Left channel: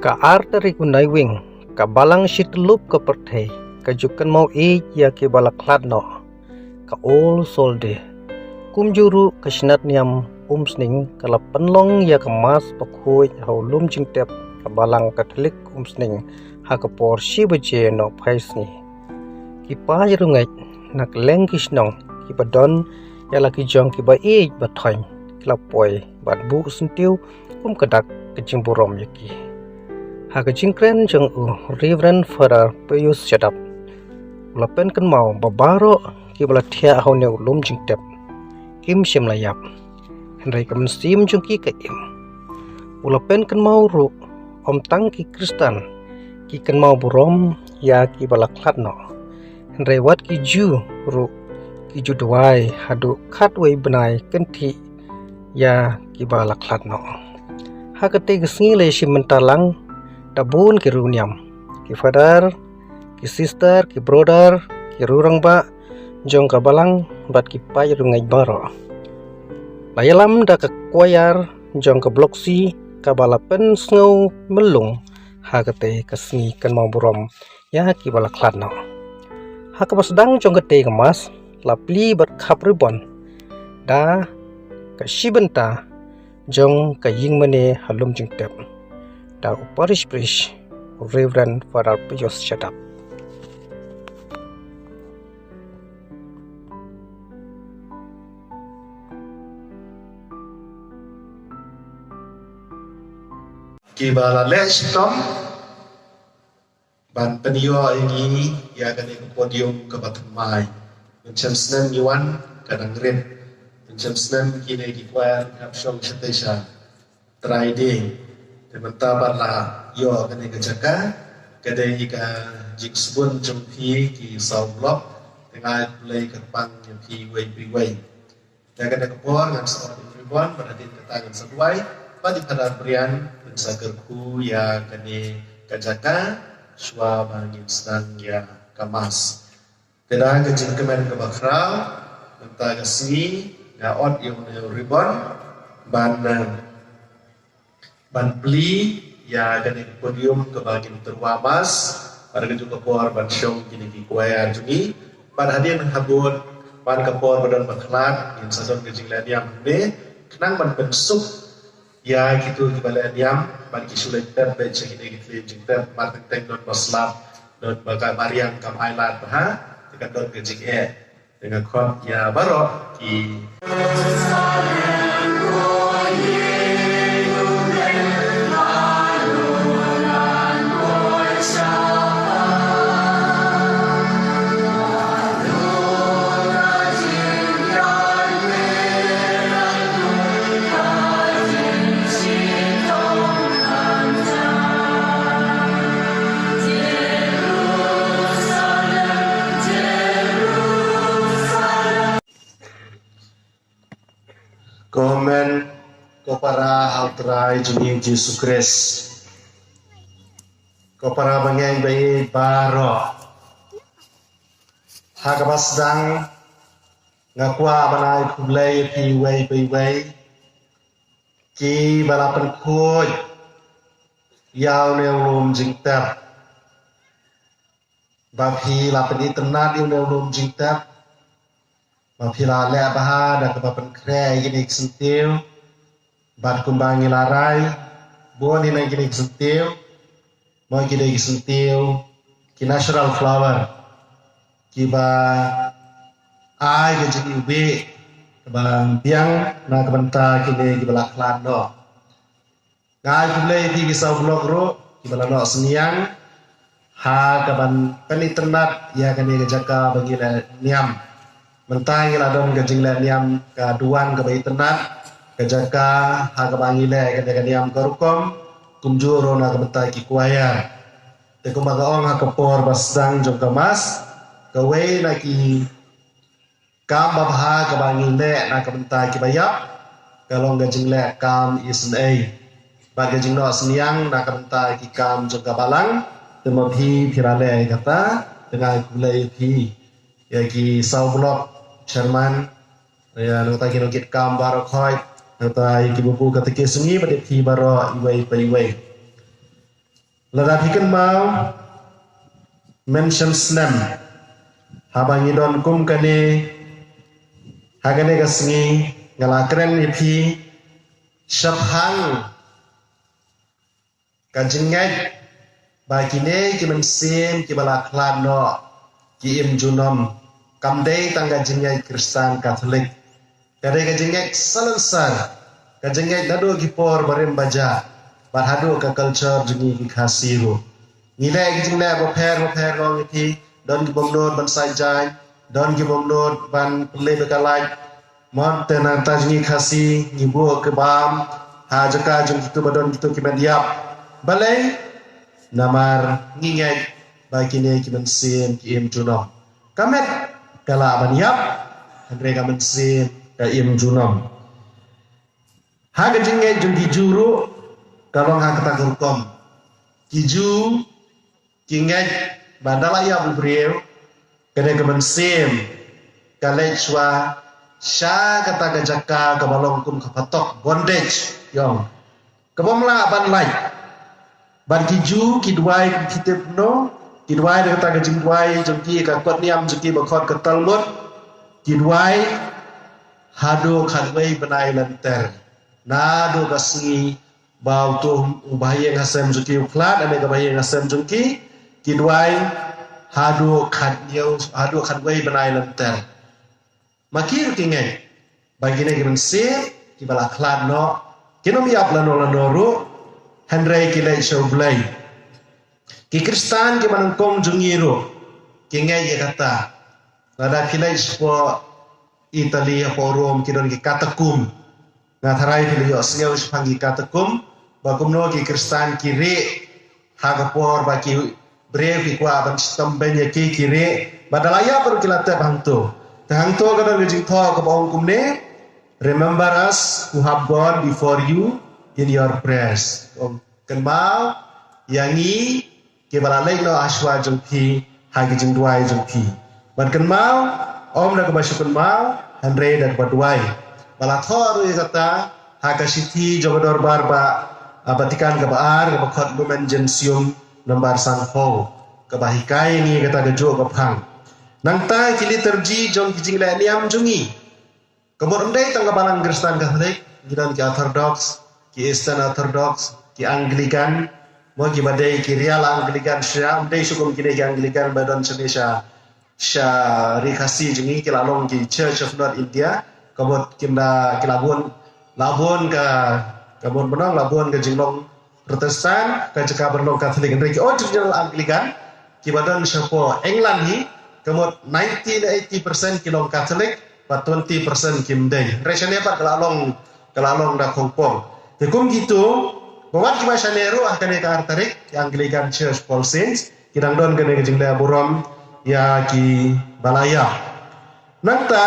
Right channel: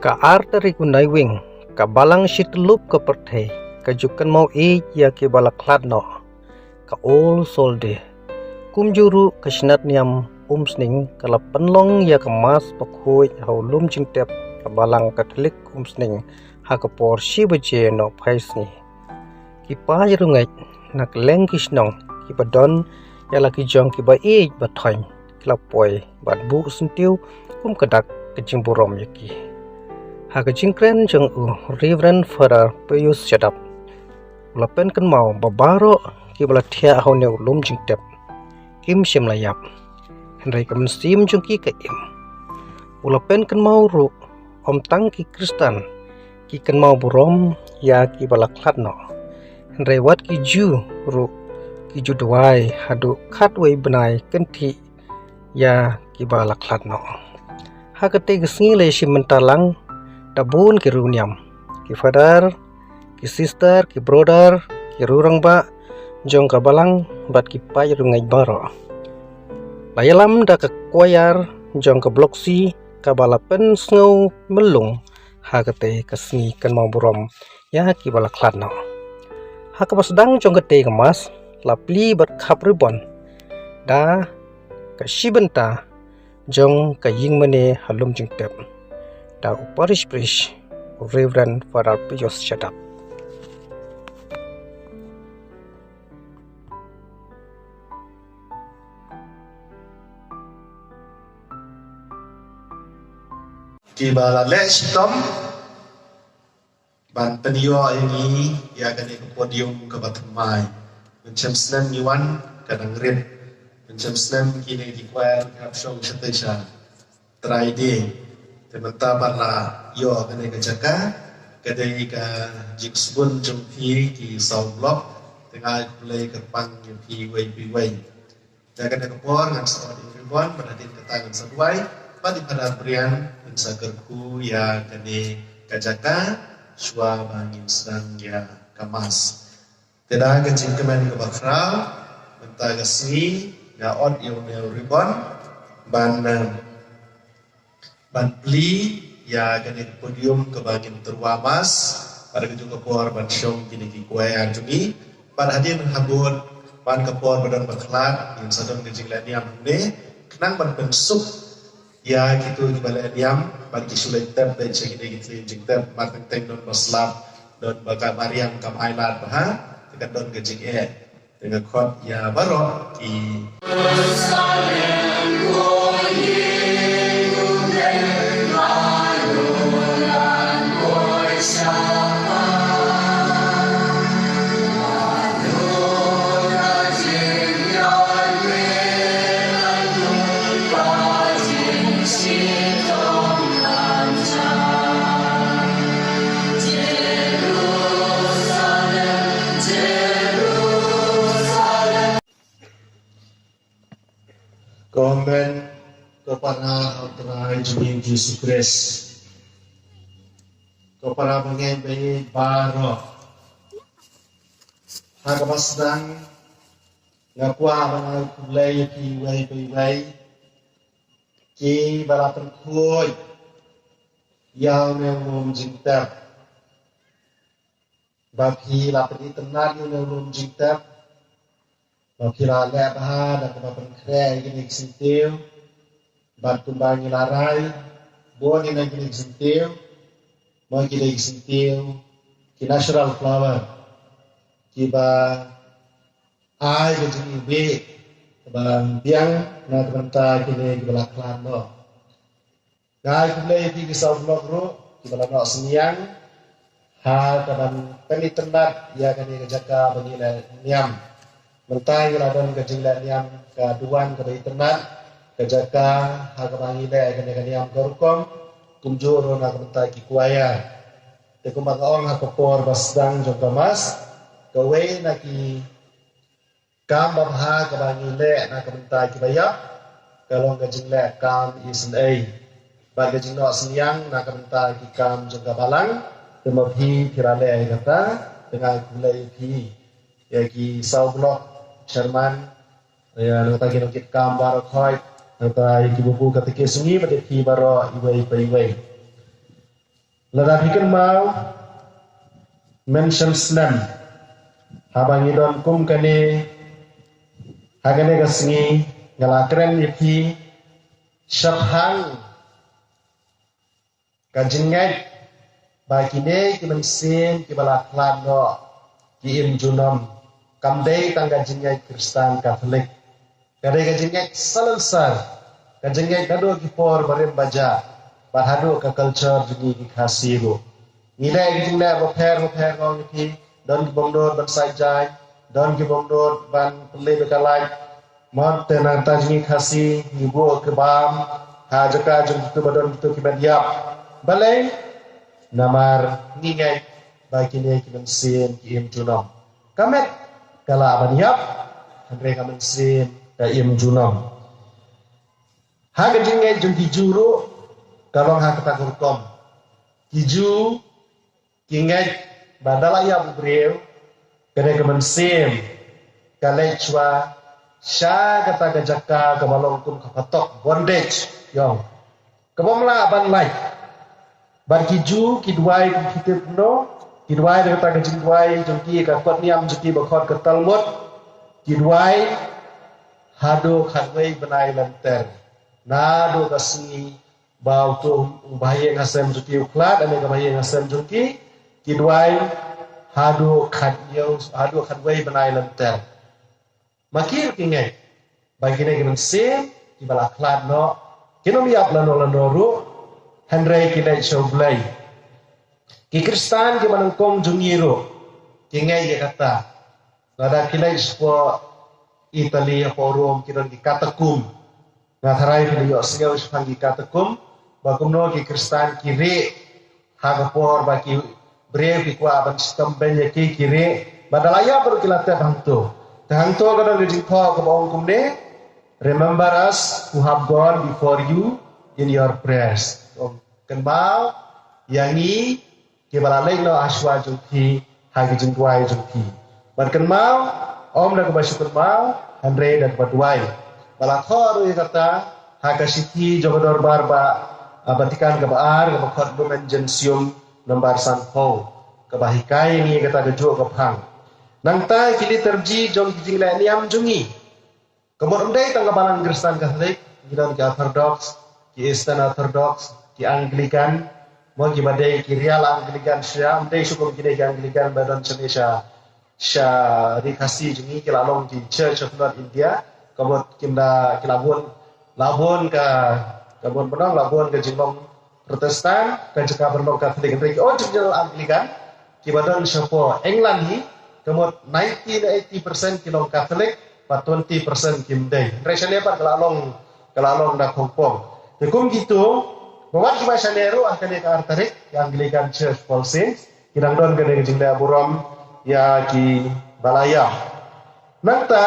Ka arteri kunai wing, ka balang shitlup ka perthei, ka jukan mau ya ke balaklat no, ka ol solde, kumjuru ka shinat niam umsning kala penlong ya ka mas pakhoi hau lum jingtep ka balang katolik umsning ha ka por shibaje no phaisni. Ki pa rungai nak lengkish nong ki badon ya laki jong ki ba bathoin kila poi bat bu sentiu kadak kejing burom yaki. Haka jingkren jeng Reverend Father Pius Shadap ulapen kan mau babaro ki bala thia hau ne ulum jingtep kim shem layap henry kam sim jung ki ka im ulapen kan mau ru om tang ki Kristen ki kan mau burom ya ki bala klat no henry wat ki ju ru ki ju dwai hadu khat wei benai kan thi ya ki bala klat no haka te gisngi le shimentalang tabun ki runiam ki father ki sister ki brother ki rurang ba jong ka balang bat ki pai rungai baro layalam da ka koyar jong ka bloksi ka balapen snow melung hagate kasni kan mau burom ya ki bala kladno haka basdang jong ka te mas lapli bat khap ribon da ka shibenta jong ka yingmane halum jingtep da uparish prish Reverend Father Pius Shadap. Kibala lestom ban penio ini ya kan ke podium ke batemai macam senen yuan kadang rin macam senen kini di kuar kapsong setesa trading teman-teman lah yo kan ke jaka kadai ka jiksbun jumpi ki sau blok dengan play ke pang ki wei dan kan ke por ngam sa everyone pada din ketangan sesuai pada pada berian mensakerku ya kani kajaka swa bangin sedang ya kamas tidak kecil kemen ke bakral mentah kasih ya od yang ribon ban beli ya kani podium ke bagian terwamas pada kejung kepor ban syong kini di kuaya jungi pada hadir habun ban kepor badan baklat yang sadon kecil yang ini kenang ban pensuk ya gitu kepada diam bagi sulit ter baca ini gitu jingter martin teng don baslap don baga mariam kam ailat bah dengan don gejing dengan khot ya baro ki komen kepada Altrai Jumim Yesus Kristus kepada bangeng bayi baro hagamas sedang ngakua manai kulai pi wei ki balapan koi yau neulum jingtap bapi lapan iternat yau neulum jingtap mapila le baha da kebapan kre gini sentil bat kumbangi larai bon ini gini sentil mau gini sentil ki natural flower ki ba ai ke jini be kebalang biang na kebenta gini ki balak lando ngai kumle ti ki sau blog ro ki balano seniang ha kaban peniternat ya kani jaka bagi le niam mentai ladon gajing le niam ka duan ke bayi tenat ke jaka ha ka bangi le ke niam ka rukom kumjuro na ka mentai ki kuaya te kumbaga ong ha ka por basdang jong kamas ka wei na ki kam babha ka bangi le na ka mentai ki bayap kalong gajing le kam isen ai ba gajing no seniang na ka mentai ki kam jong ka balang temabhi thirale kata dengan kulai phi ya ki sau blok Sherman ya nota kinukit kam baro khoi nota ki buku katike sungi pada ki baro iwai Ladahikan mau mention snam habangi don kum kane hagane gasngi ngalakren ipi shaphang kajingai bakine ki mensin ki balaklan no ki im junom kamdei tangga jingai Kristen Katolik kadai kajingai salansar kajingai nado ki por barem baja barhado ka culture jungi ki khasiru ngilai ki jingai bo pher no ki don ki bomnod ban sai jai don ki bomnod ban play bekalai mon tenang tajingi khasi ngibo ke bam hajaka jung kitu badon kitu ki badiap balai namar ngingai bakine ki mensin ki im junom kamet kala baniap andre ka mensin ka im junom haga jingai jung ki juru kalong ha kata hukum kiju kingai bandala ya bubreu kene ka mensin kalai swa sya kata gajaka kabalong kum kapatok bondage yong kabamla ban lai ban kiju kidwai kitip no kidwai de kata gajingwai jongki ka kot niam jongki bakot ka talmud kidwai hado khanwei banai lanter nado kasngi bau tu ubaye ngasem jongki uklat ane kabaye ngasem jongki kidwai hado khatnyau hado khanwei banai lanter makir kingai bagine ki mense ki bala khlad no kinom yap lano ru handrai ki lai shoblai ki kristan ki manangkong jungiro kingai ye kata lada ki lai spo Italy po Rome ki don ki katakum na tharai ki yo sngau spangi katakum bagum no ki kristan ki re hagapor ba ki brave ki kwa ban stamben ye ki re badalaya per kilate bangto Tangto kada gajing tho ka baong kumne remember us who have gone before you in your prayers. Kan mau yangi ke balalai no aswa jongki hagi jing duai jongki. Ban kan mau om na ka kan mau andre dan badwai. Bala tho ru kata haga siti jogodor barba abatikan ka baar ka bakhot bumenjensium nombar sanho ka bahikai ni kata gajo ka phang. Nangta kili terji jong kijing la niam jungi. Kebor ndai tangga balang Kristen Katolik, gidan ki Orthodox, ki Eastern Orthodox, ki Anglican, mo ki badai ki Real Anglican sya, ndai sukum ki ki Anglican badan Indonesia. Sya rikasi jungi ki lalong ki Church of North India, kebor kimda ki labun ka kebor benang labun ka jinglong Protestan, ka jeka berlong Katolik ndai ki original Anglican, ki badan syapo England hi Kemud 90-80% kilong Katolik, but 20% Kimdei. Resanya pak kelalong da Hong Kong. Tekum gitu, bawat kima syaneru akan ka artarik, yang Anglican Church Paul Saints, kidang don kene kejingda buram ya ki balaya. Nangta